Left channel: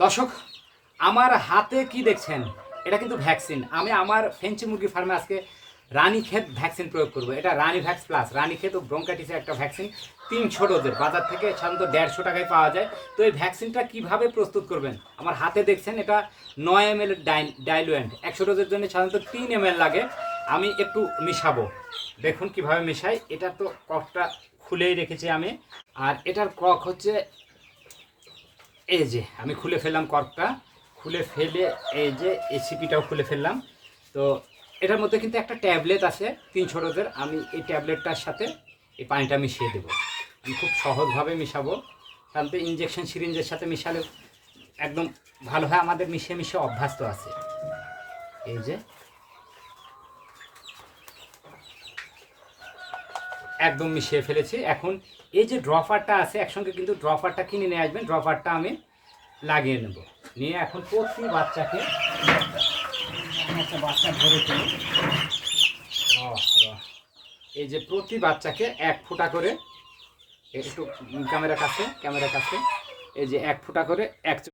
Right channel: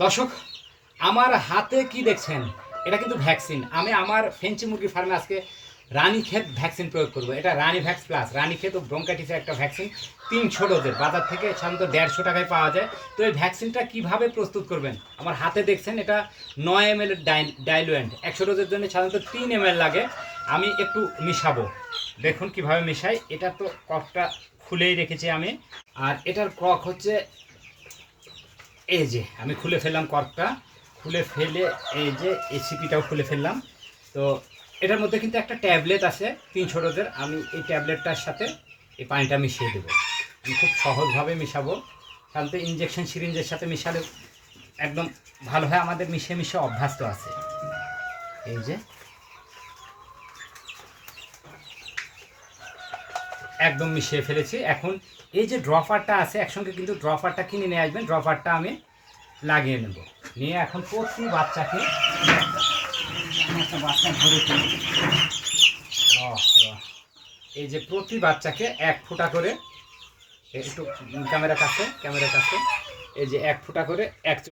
দর্শক, আমার হাতে কি দেখছেন? এটা কিন্তু ভ্যাকসিন। আমি আমার ফেঞ্চি মুরগি ফার্মে আজকে রানীক্ষেত ভ্যাকসিন প্রয়োগ করব। এটা রানী ভ্যাক্স প্লাস। রানীক্ষেত ও ব্রঙ্কাইটিসের একটা ভ্যাকসিন, তিনশো ডোজের। বাজার থেকে সাধারণত দেড়শো টাকায় পাওয়া যায়। তো এই ভ্যাকসিনটা কীভাবে প্রস্তুত করবেন? আমার হাতে দেখছেন এটা নয় এম এল ডাইলুয়েন্ট। একশো ডোজের জন্য সাধারণত তিন এম লাগে। আমি একটু মিশাবো। দেখুন কীভাবে মিশাই। এটা তো ককটা খুলেই রেখেছি আমি। আর এটার কক হচ্ছে এই যে, আমি খুলে ফেললাম কর্কটা। খুলে ফেলে এই যে এসিপিটাও খুলে ফেললাম। তো এটার মধ্যে কিন্তু একটা ট্যাবলেট আছে তিনশো ডোজের আমি এই ট্যাবলেটটার সাথে এই পানিটা মিশিয়ে দেবো। আমি খুব সহজভাবে মিশাবো। কারণ তো ইঞ্জেকশন সিরিঞ্জের সাথে মিশালে একদম ভালো হয় আমাদের মিশিয়ে মিশিয়ে অভ্যাস তো আছে। এই যে একদম মিশিয়ে ফেলেছি। এখন এই যে ড্রপারটা আছে, একসঙ্গে কিন্তু ড্রপারটা কিনে নিয়ে আসবেন। ড্রপারটা আমি লাগিয়ে নেব। নিয়ে এখন প্রতি বাচ্চাকে একটা বাচ্চা ধরে। এই যে প্রতি বাচ্চাকে এক ফুটা করে, একটু ক্যামেরা কাছে ক্যামেরা কাছে, এই যে এক ফুটা করে, এক